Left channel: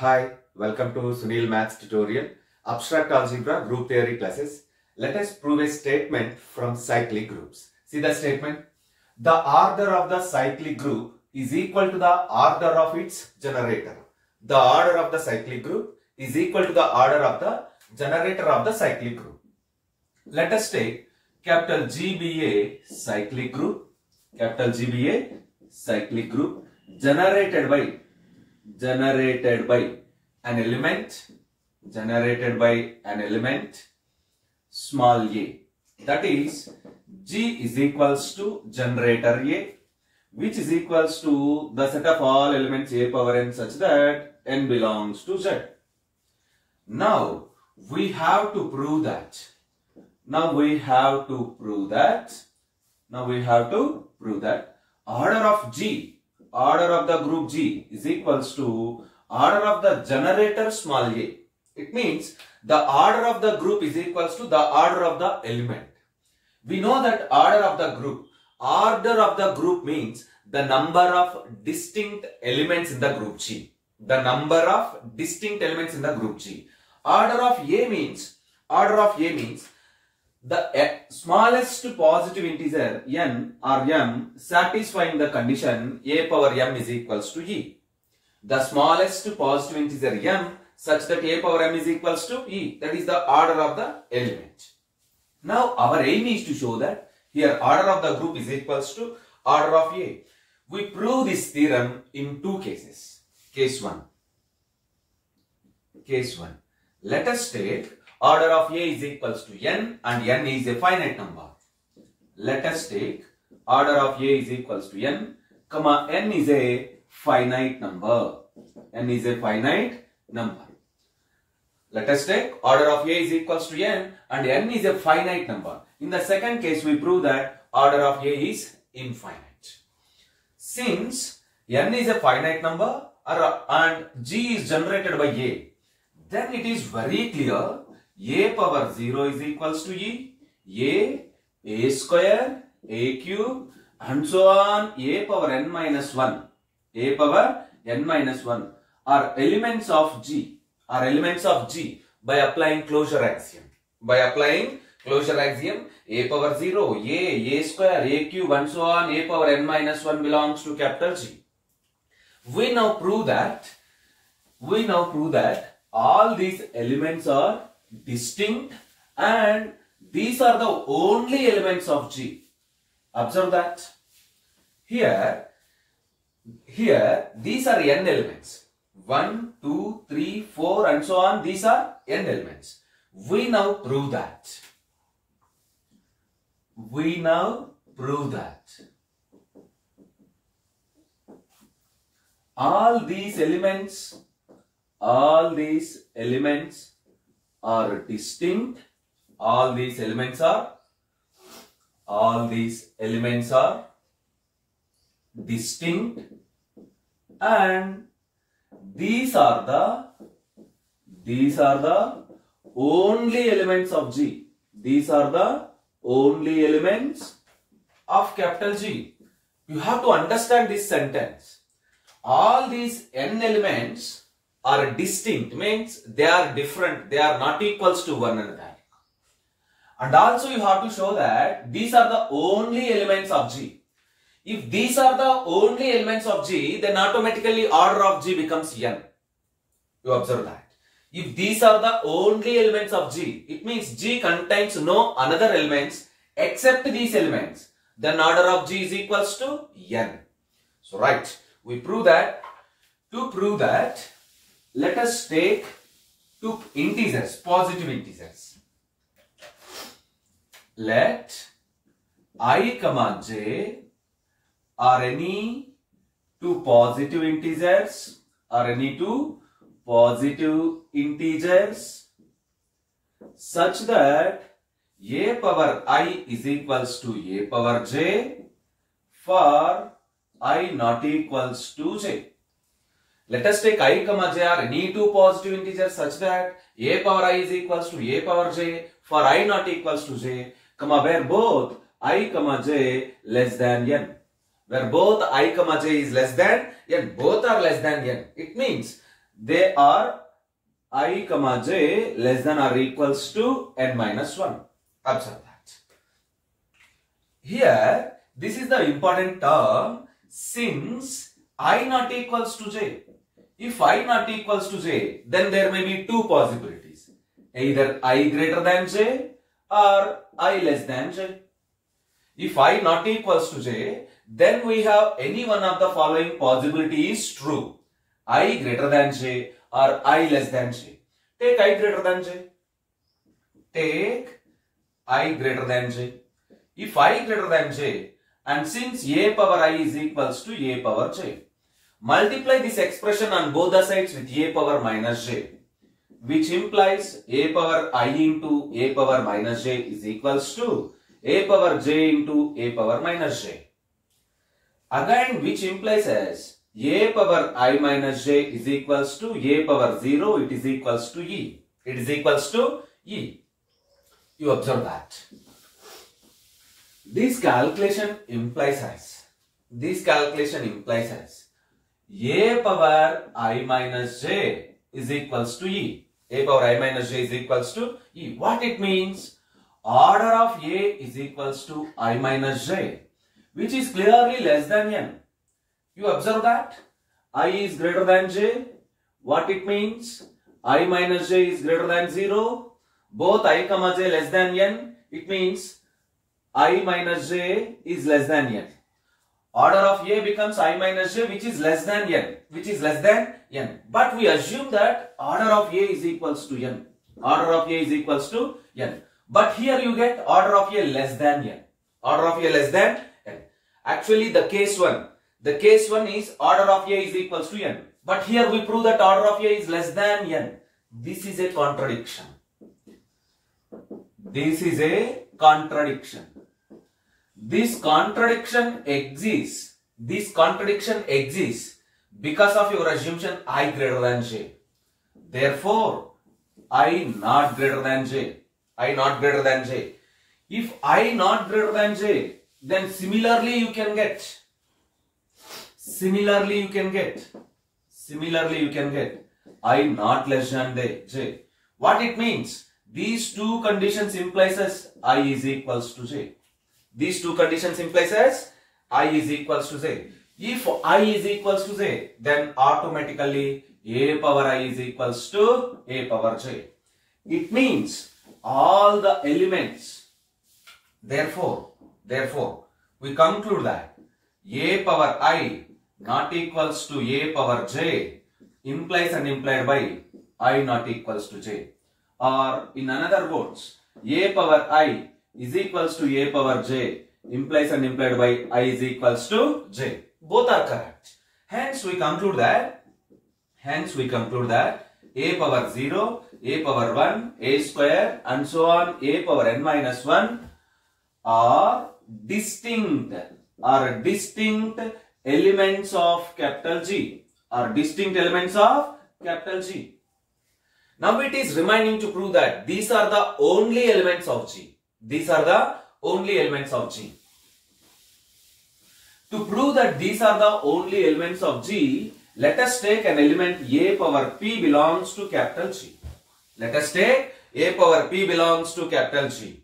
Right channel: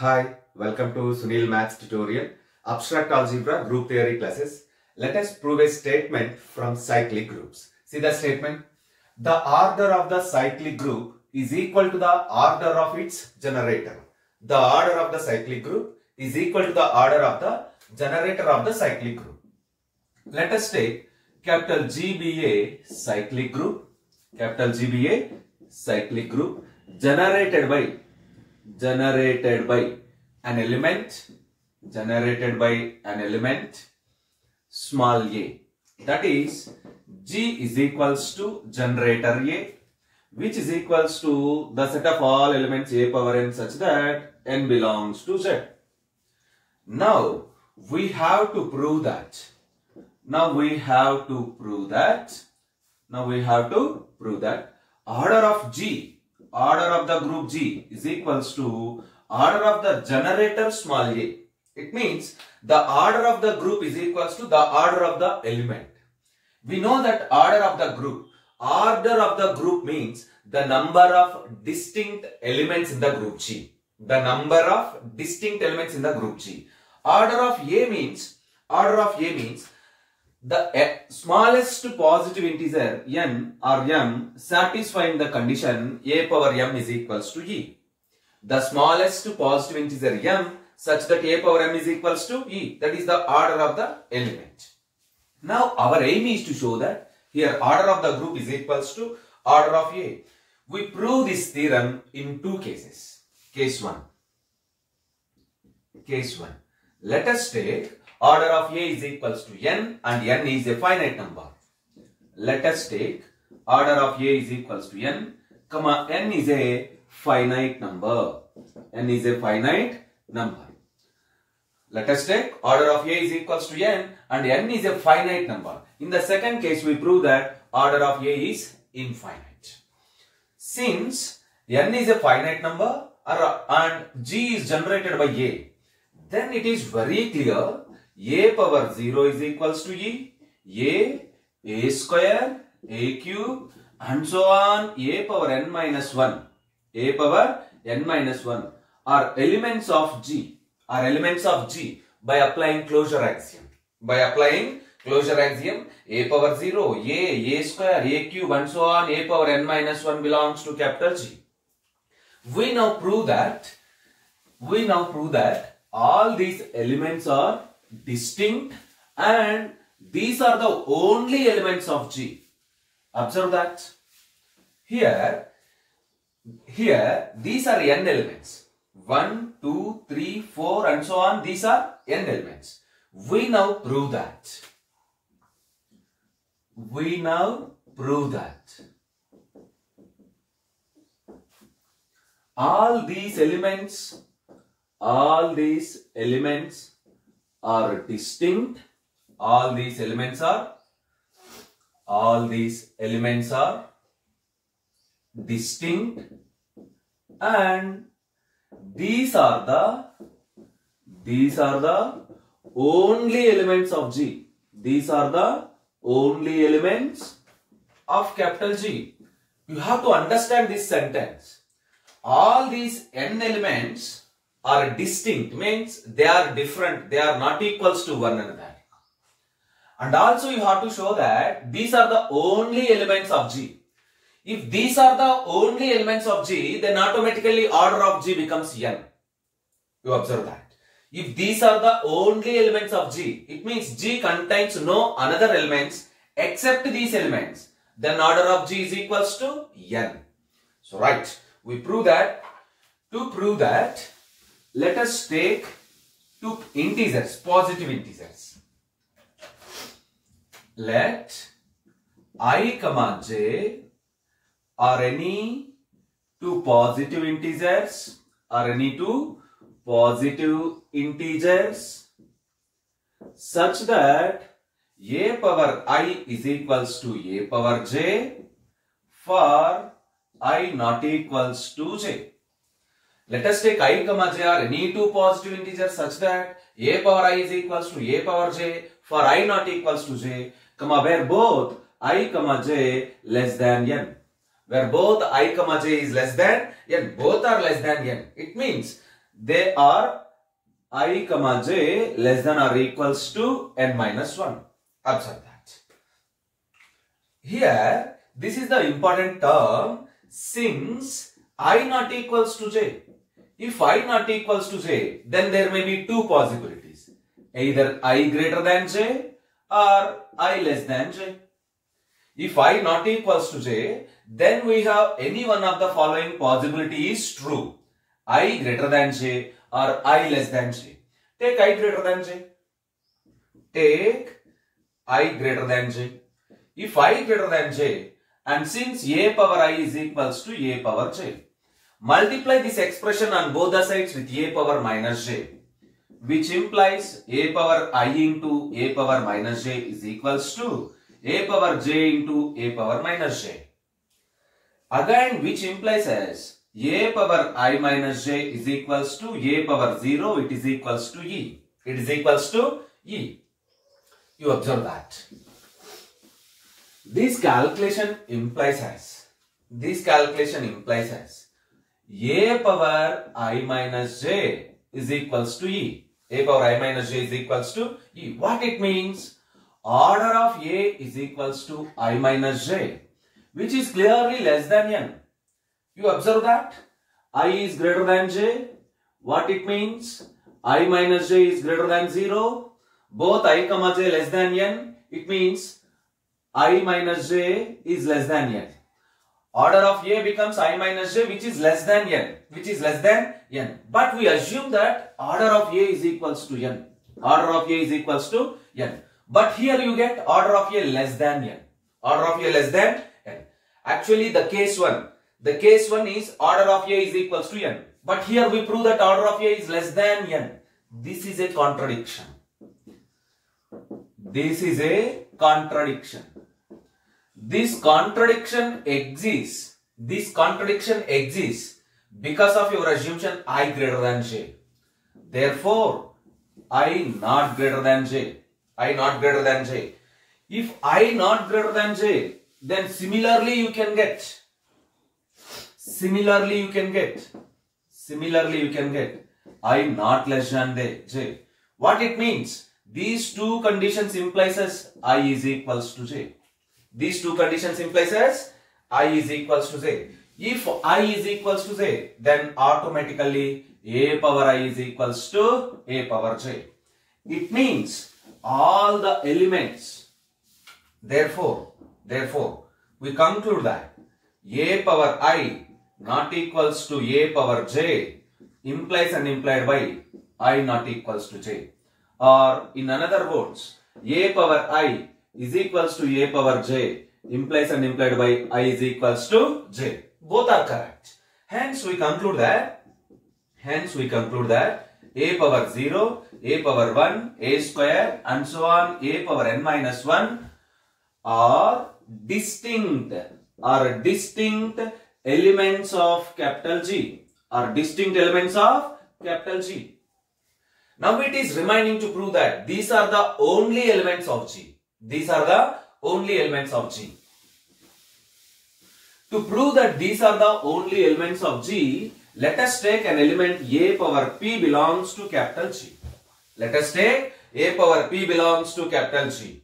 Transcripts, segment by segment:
Hi, welcome to Sunil Maths tutorial, Abstract Algebra Group Theory classes. Let us prove a statement from cyclic groups. See the statement. The order of the cyclic group is equal to the order of its generator. The order of the cyclic group is equal to the order of the generator of the cyclic group. Let us take capital G be a cyclic group. Capital G be a cyclic group generated by an element small a, that is G is equals to generator A, which is equals to the set of all elements a power n such that n belongs to Z. Now we have to prove that. Order of G, order of the group G is equals to order of the generator small a. It means the order of the group is equals to the order of the element. We know that order of the group means the number of distinct elements in the group G. Order of A means the smallest positive integer n or m satisfying the condition a power m is equals to e. The smallest positive integer m such that a power m is equals to e. That is the order of the element. Now our aim is to show that here order of the group is equals to order of A. We prove this theorem in two cases. Case 1. Let us take order of A is equals to n and n is a finite number. Let us take order of A is equals to n, comma n is a finite number. Let us take order of A is equals to n and n is a finite number. In the second case, we prove that order of A is infinite. Since n is a finite number and G is generated by A, then it is very clear a power 0 is equals to e, a square, a cube and so on, a power n minus 1 are elements of G by applying closure axiom. A power 0, a square, a cube and so on, a power n minus 1 belongs to capital G. We now prove that all these elements are distinct and these are the only elements of G. Observe that. Here these are n elements. 1, 2, 3, 4 and so on. These are n elements. We now prove that. All these elements are distinct. All these elements are distinct and these are the only elements of G. These are the only elements of capital G. You have to understand this sentence. All these n elements are distinct, means they are different, they are not equals to one another. And also you have to show that these are the only elements of G. If these are the only elements of G, then automatically order of G becomes n. You observe that. If these are the only elements of G, it means G contains no another elements except these elements. Then order of G is equals to n. So right, we prove that. To prove that, let us take two integers, positive integers. Let I comma j are any two positive integers such that a power I is equals to a power j for I not equals to j. Let us take I comma j are any two positive integers such that a power I is equals to a power j for I not equals to j, where both I comma j less than n. Where both I comma j is less than n, both are less than n. It means they are I comma j less than or equals to n minus 1. Observe that. Here, this is the important term, since I not equals to j. If I not equals to j, then there may be two possibilities. Either I greater than j or I less than j. If I not equals to j, then we have any one of the following possibility is true. I greater than j or I less than j. Take I greater than j. Take I greater than j. If I greater than j, and since a power I is equals to a power j, multiply this expression on both the sides with a power minus j, which implies a power I into a power minus j is equals to a power j into a power minus j. Again, which implies as a power I minus j is equals to a power 0, it is equals to e. It is equals to e. You observe that. This calculation implies as a power I minus j is equals to e. A power I minus j is equals to e. What it means? Order of a is equals to I minus j, which is clearly less than n. You observe that? I is greater than j. What it means? I minus j is greater than 0. Both I comma j less than n. It means I minus j is less than n. Order of a becomes I minus j, which is less than n. But we assume that order of a is equals to n. Order of a is equals to n. But here you get order of a less than n. Order of a less than n. Actually, the case one is order of a is equals to n. But here we prove that order of a is less than n. This is a contradiction. This contradiction exists because of your assumption I greater than j. Therefore, I not greater than j. If I not greater than j, then similarly you can get I not less than j. What it means? These two conditions implies as I is equals to j. These two conditions implies as I is equals to j. If I is equals to j, then automatically a power I is equals to a power j. It means all the elements. Therefore, we conclude that a power I not equals to a power j implies and implied by I not equals to j. Or in another words, a power I is equals to a power j implies and implied by I is equals to j. Both are correct. Hence we conclude that a power 0, a power 1, a square and so on, a power n minus 1 are distinct elements of capital G. Now it is remaining to prove that these are the only elements of G. To prove that these are the only elements of G, let us take an element a power p belongs to capital G. Let us take a power p belongs to capital G.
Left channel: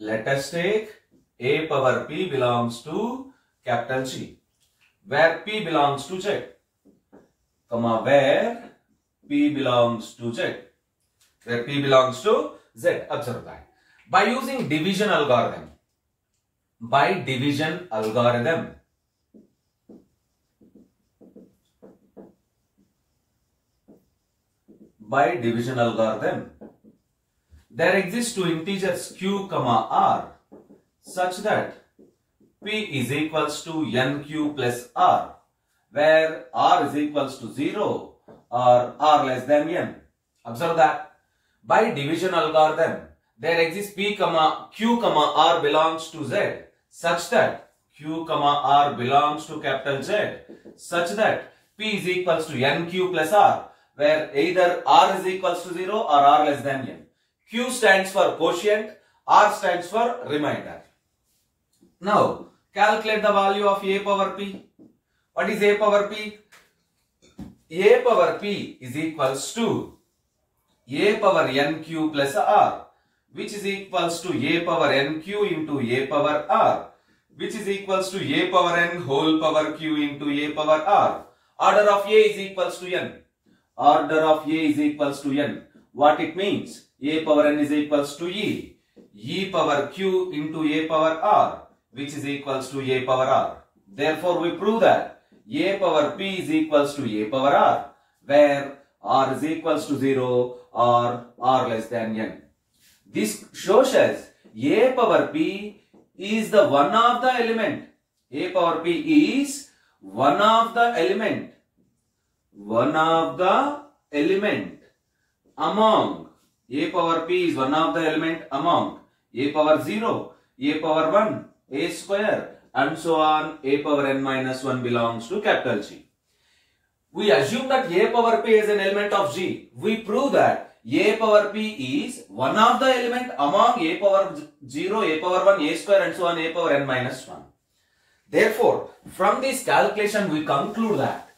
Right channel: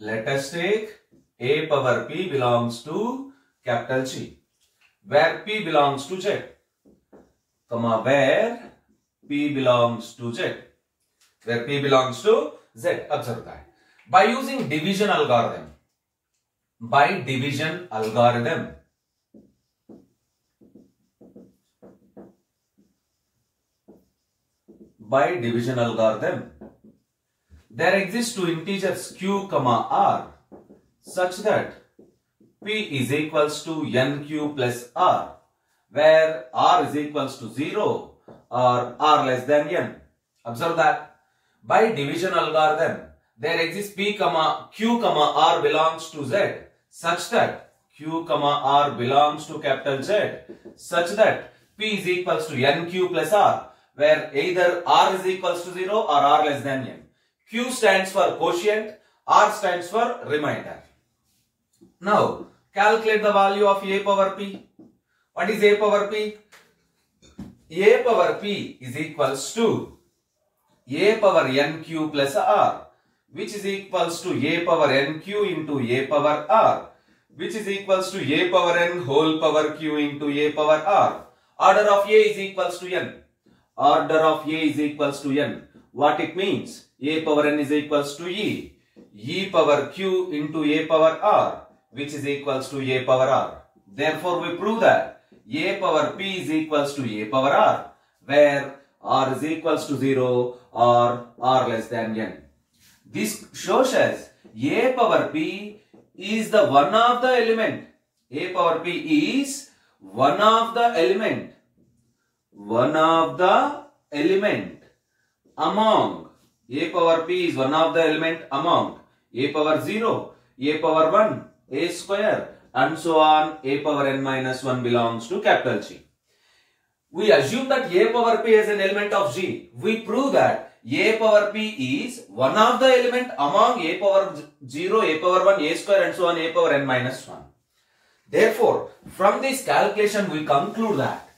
Let us take a power p belongs to capital G, where p belongs to z, where p belongs to z, Observe that. By using division algorithm, there exist two integers q, r such that p is equals to nq plus r, where r is equals to 0 or r less than n. Observe that. By division algorithm, there exists q, r belongs to z such that q, r belongs to capital Z such that p is equals to nq plus r, where either r is equals to 0 or r less than n. Q stands for quotient, r stands for remainder. Now, calculate the value of a power p. What is a power p? A power p is equals to a power nq plus r, which is equals to a power nq into a power r, which is equals to a power n whole power q into a power r. Order of a is equals to n. Order of a is equals to n. What it means? A power n is equals to e power q into a power r, which is equals to a power r. Therefore, we prove that a power p is equals to a power r, where r is equals to 0 or r less than n. This shows us a power p is the one of the element. A power p is one of the element. One of the element among. A power p is one of the element among a power 0, a power 1, a square, and so on. A power n minus 1 belongs to capital G. We assume that a power p is an element of G. We prove that a power p is one of the element among a power 0, a power 1, a square, and so on, a power n minus 1. Therefore, from this calculation we conclude that.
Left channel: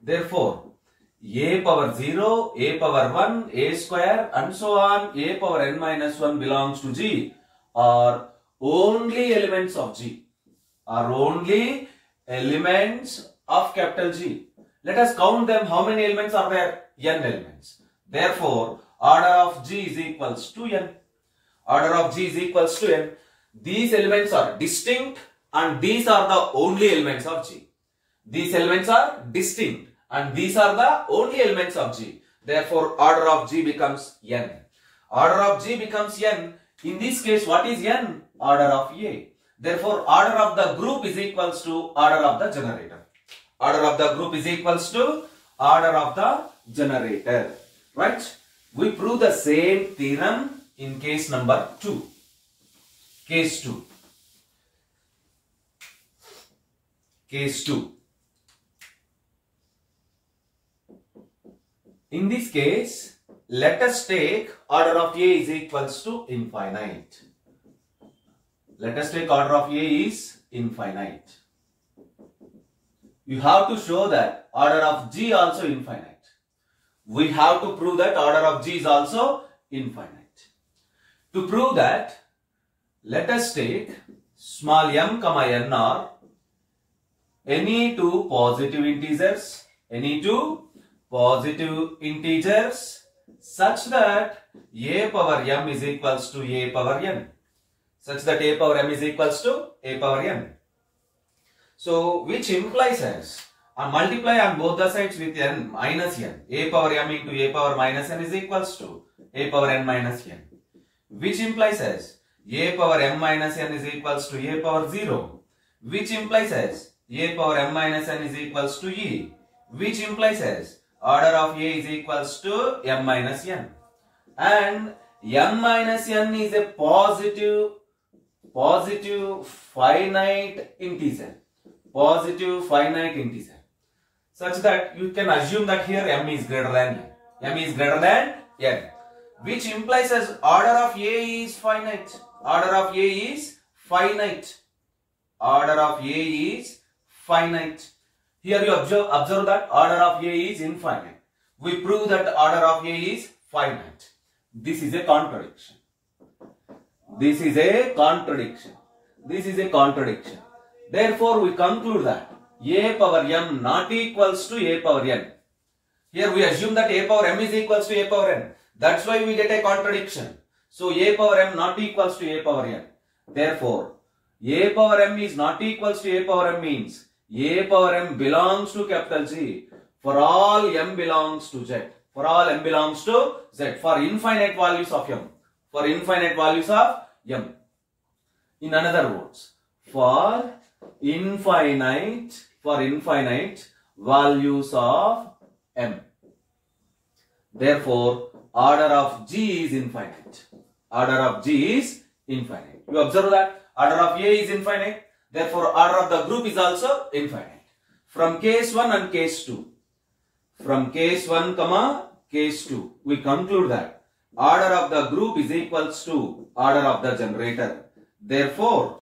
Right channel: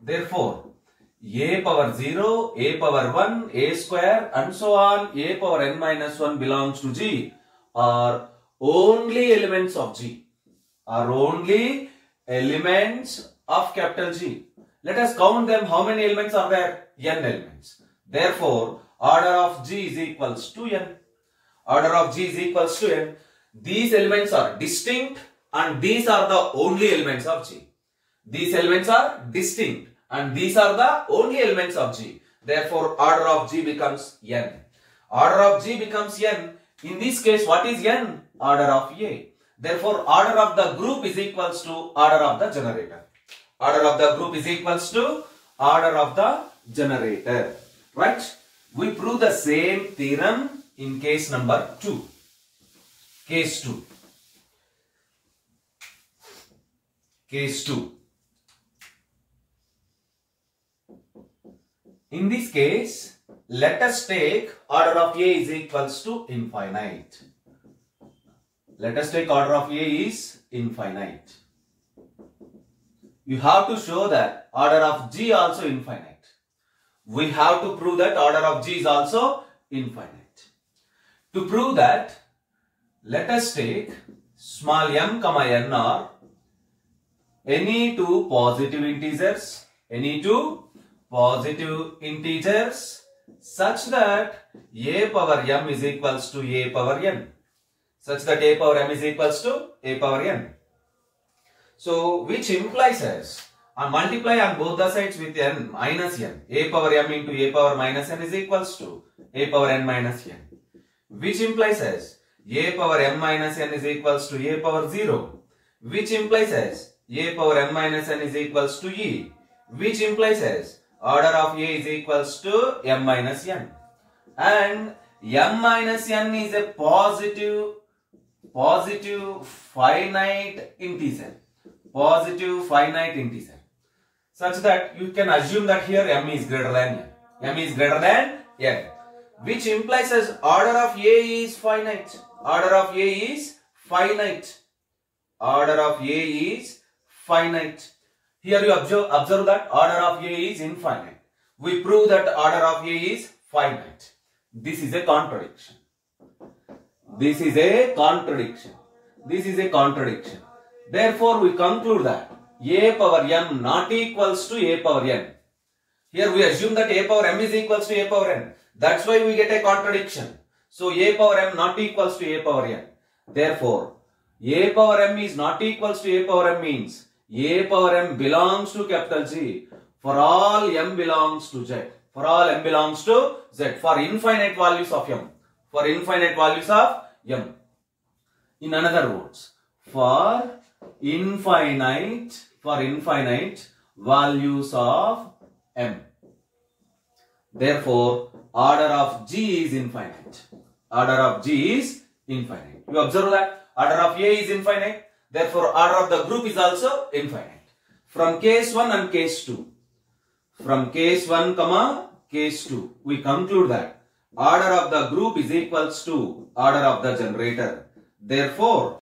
Therefore, a power 0, a power 1, a square, and so on, a power n minus 1 belongs to G are only elements of G. Are only elements of capital G. Let us count them. How many elements are there? N elements. Therefore, order of G is equals to n. Order of G is equals to n. These elements are distinct and these are the only elements of G. These elements are distinct and these are the only elements of G. Therefore, order of G becomes n. Order of G becomes n. In this case, what is n? Order of A. Therefore, order of the group is equals to order of the generator. Order of the group is equals to order of the generator. Right? We prove the same theorem in case number 2. Case 2. Case 2. In this case, let us take order of A is equals to infinite. Let us take order of A is infinite. You have to show that order of G also infinite. We have to prove that order of G is also infinite. To prove that, let us take small m comma n are any two positive integers, such that a power m is equals to a power n. Such that a power m is equals to a power n. So, which implies as multiply on both the sides with n minus n. A power m into a power minus n is equals to a power n minus n. Which implies as a power m minus n is equals to a power 0. Which implies as a power m minus n is equals to e. Which implies as order of A is equals to m minus n. And m minus n is a positive finite integer. Positive finite integer. Such that you can assume that here m is greater than n. M is greater than n. Which implies as order of A is finite. Order of A is finite. Order of A is finite. Here you observe that order of A is infinite. We prove that order of A is finite. This is a contradiction. This is a contradiction. This is a contradiction. Therefore, we conclude that a power m not equals to a power n. Here we assume that a power m is equals to a power n. That's why we get a contradiction. So, a power m not equals to a power n. Therefore, a power m is not equals to a power m means a power m belongs to capital G for all m belongs to z. For all m belongs to z. For infinite values of m. For infinite values of m. In other words, for infinite values of m. Therefore, order of G is infinite. Order of G is infinite. You observe that order of A is infinite. Therefore, order of the group is also infinite. From case 1 and case 2. From case 1 comma case 2. We conclude that order of the group is equals to order of the generator. Therefore,